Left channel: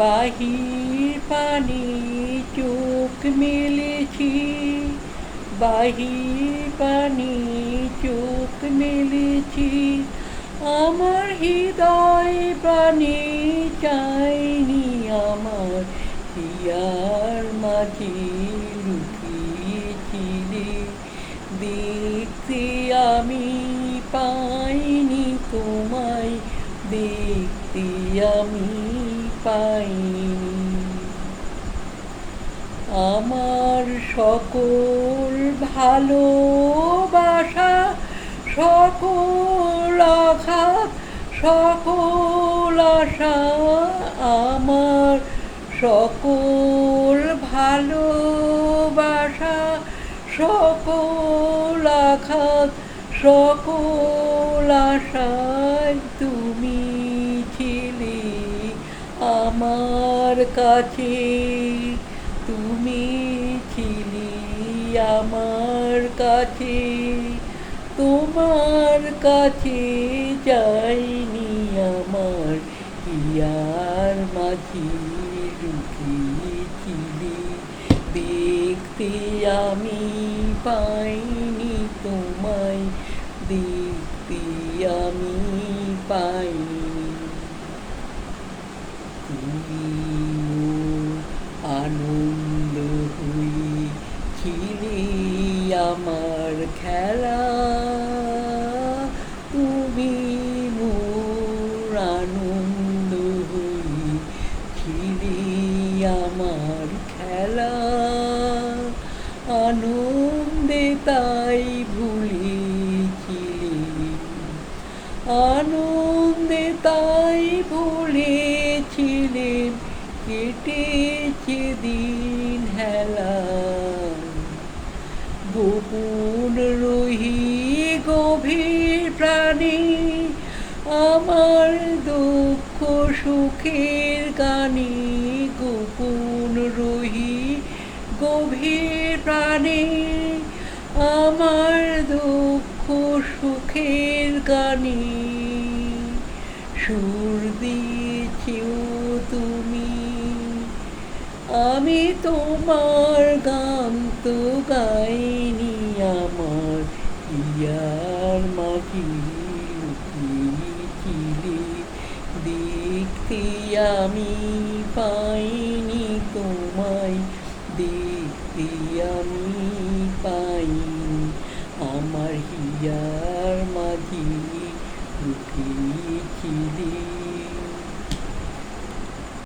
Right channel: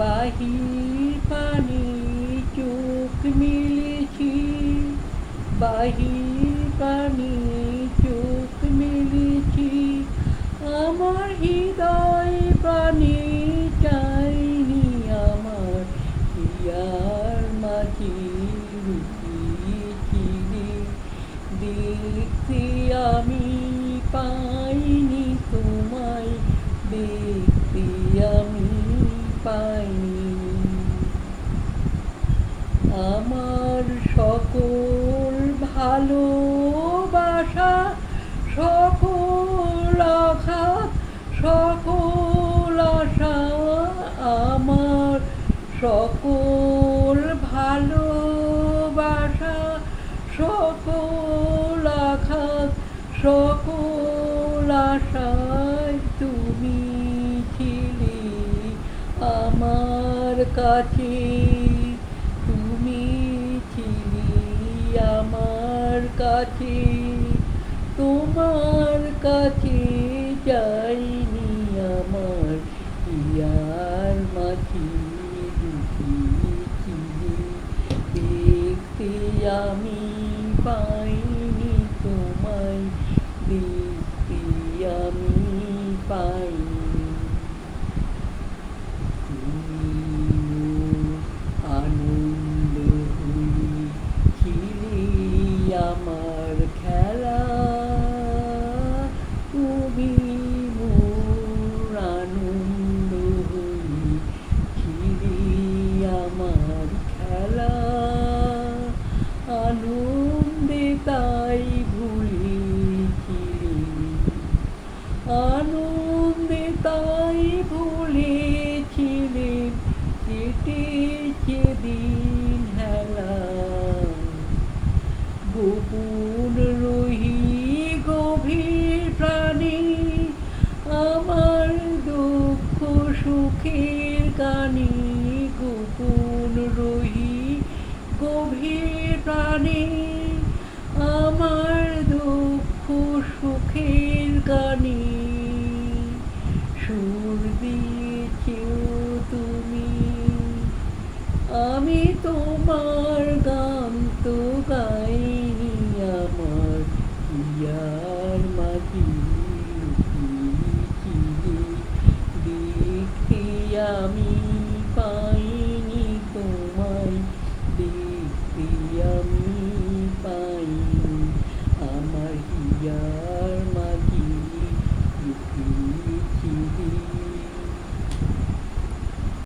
বাহির পানে চোখ মেলেছি, বাহির পানে চোখ মেলেছি। আমার হৃদয় প্রাণে চাইনি, আমার হিয়ার মাঝে লুকিয়েছিলে। দেখতে আমি পাইনি তোমায়, দেখতে আমি পাইনি। আমার সকল ভালোবাসা, সকল আঘাত, সকল আশা, আমার সকল ভালোবাসা, সকল আঘাত, সকল আশায় তুমি ছিলে আমার কাছে। তুমি ছিলে আমার কাছে, তোমার কাছে যাইনি আমার হিয়ার মাঝে লুকিয়েছিলে। দেখতে আমি পাইনি তোমায়, দেখতে আমি পাইনি। তুমি আনন্দ হয়েছিলে আমার খেলা, তুমি মোর আনন্দ হয়েছিলে আমার খেলা। আনন্দে তাই ভুলেছিলে, আনন্দে তাই ভুলেছিলে, কেটেছে দিন হেলা। গোপন রহি গভীর প্রাণে, আমার দুঃখ সুখের গানে। গোপন রহি গভীর প্রাণে, আমার দুঃখ সুখের গানে। সুর দিয়েছিও তুমি, আমি তোমার গান তো গাইনি, আমার হিয়ার মাঝে লুকিয়েছিলে। দেখতে আমি পাইনি তোমায়, দেখতে আমি পাইনি, আমার হিয়ার মাঝে লুকিয়েছিলে।